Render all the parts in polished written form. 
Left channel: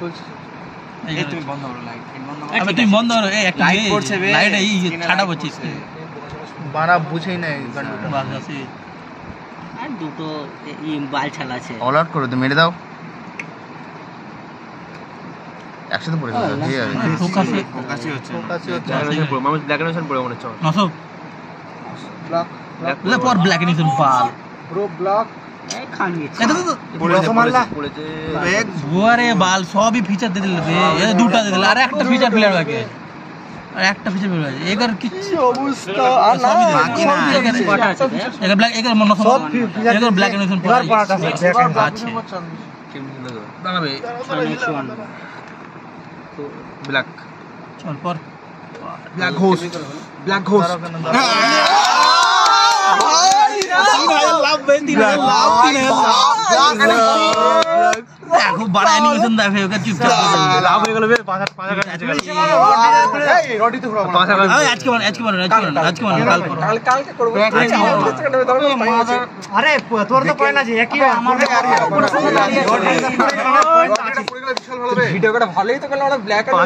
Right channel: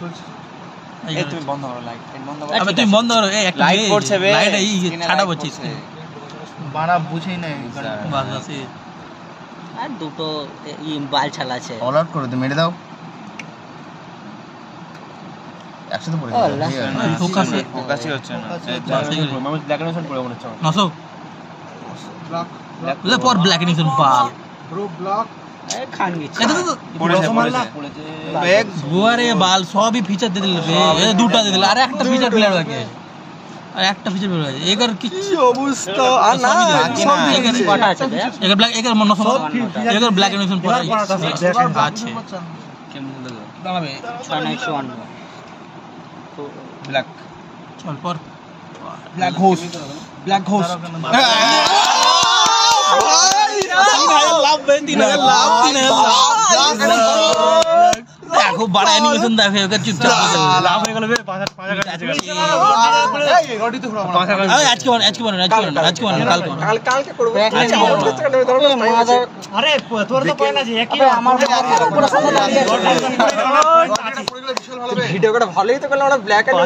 চলছে এই তুমি বন্ধ করো লাইট বন্ধ করো আবে তুই বন্ধ করো এই একটা লাইট পড়ছে বে লাইট এই ছাড়া বলছিস বানা বুঝেই নাই বাস আছে আর দুটো এই বাল ছালা আছে অল আউট করে মেরে দাও একসাথে পড়ে গেল ফোকাসই হচ্ছে মানুষ ব্ল্যাক এন্ড পড়ে মনে হচ্ছে নসো লে পর ব্ল্যাক এন্ড পাল ব্রো ব্লক খান গেছে পড়েছে এক বুয়ারে বাল সবই ফিচার দিয়ে দিল রে এই দুটো দিয়ে দিল আর একটা ফিচার প্লেয়ার লাগে আর একটা ফিচার প্লেয়ার লাগে এগার কি অবস্থা আর না কটা আছে এগার ব্ল্যাক এগার মন সব এগার ব্ল্যাক এন্ড পর আছে কেমন লাগে দাঁড়াবে 6 ব্ল্যাক চল পর ব্ল্যাক হোস্ট ব্ল্যাক হোস্ট দেখো বড় অ্যানিমেশন দেখো ওকে চুপচাপ লাভ হয়ে গেল বে পাঁচা কাটছে এই রডি তো পুরো আজকে কালকে করব আরে তোর তো পয়েন্ট আছে একই আমার ভিডিওটা ভালোই তো করলাম আমরা ব্ল্যাক এন্ড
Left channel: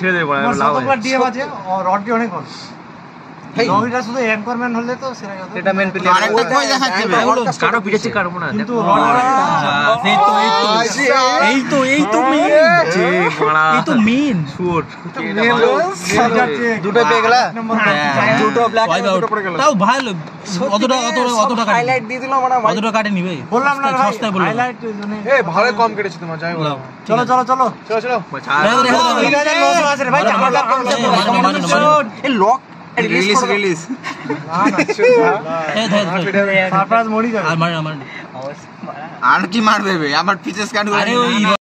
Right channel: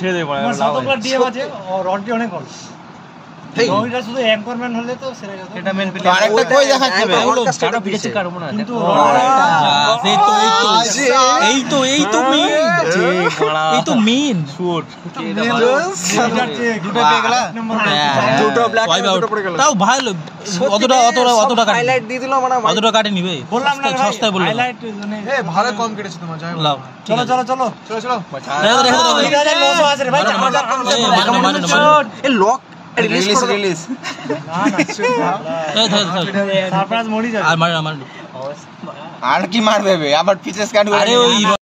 ছেড়ে দেব শতকরা ডিএম আছে রডটি অনেক ভালো রহিটা শুধু অ্যাঙ্করম্যান হলে তো সেরা কথা এটা মেন প্লে আরেকটা কই দেখাচ্ছে বে কারো পিছে কাটবো না কিন্তু এই তো মেন শুট দুটো পেয়ে গেল দুটো ব্ল্যাক দুটো পড়ে গেল তাও ভালো অতটা হাইলাইট দিয়ে দিলাম আমরা অতটা কাটে নিবে বললাম না ভাই সস্তায় বললাম হাইলাইট মানে এই ভালো কম কেটেছে তোমার যাই বলো চলো চলো চলো চলো চলো 3900 আছে রে ভাই এই লক রিলিজ না না সারপ্রাইজ মোডই যাবে আর মার আর কি মারবে বে আমার পিছে স্ক্যান আরে ওই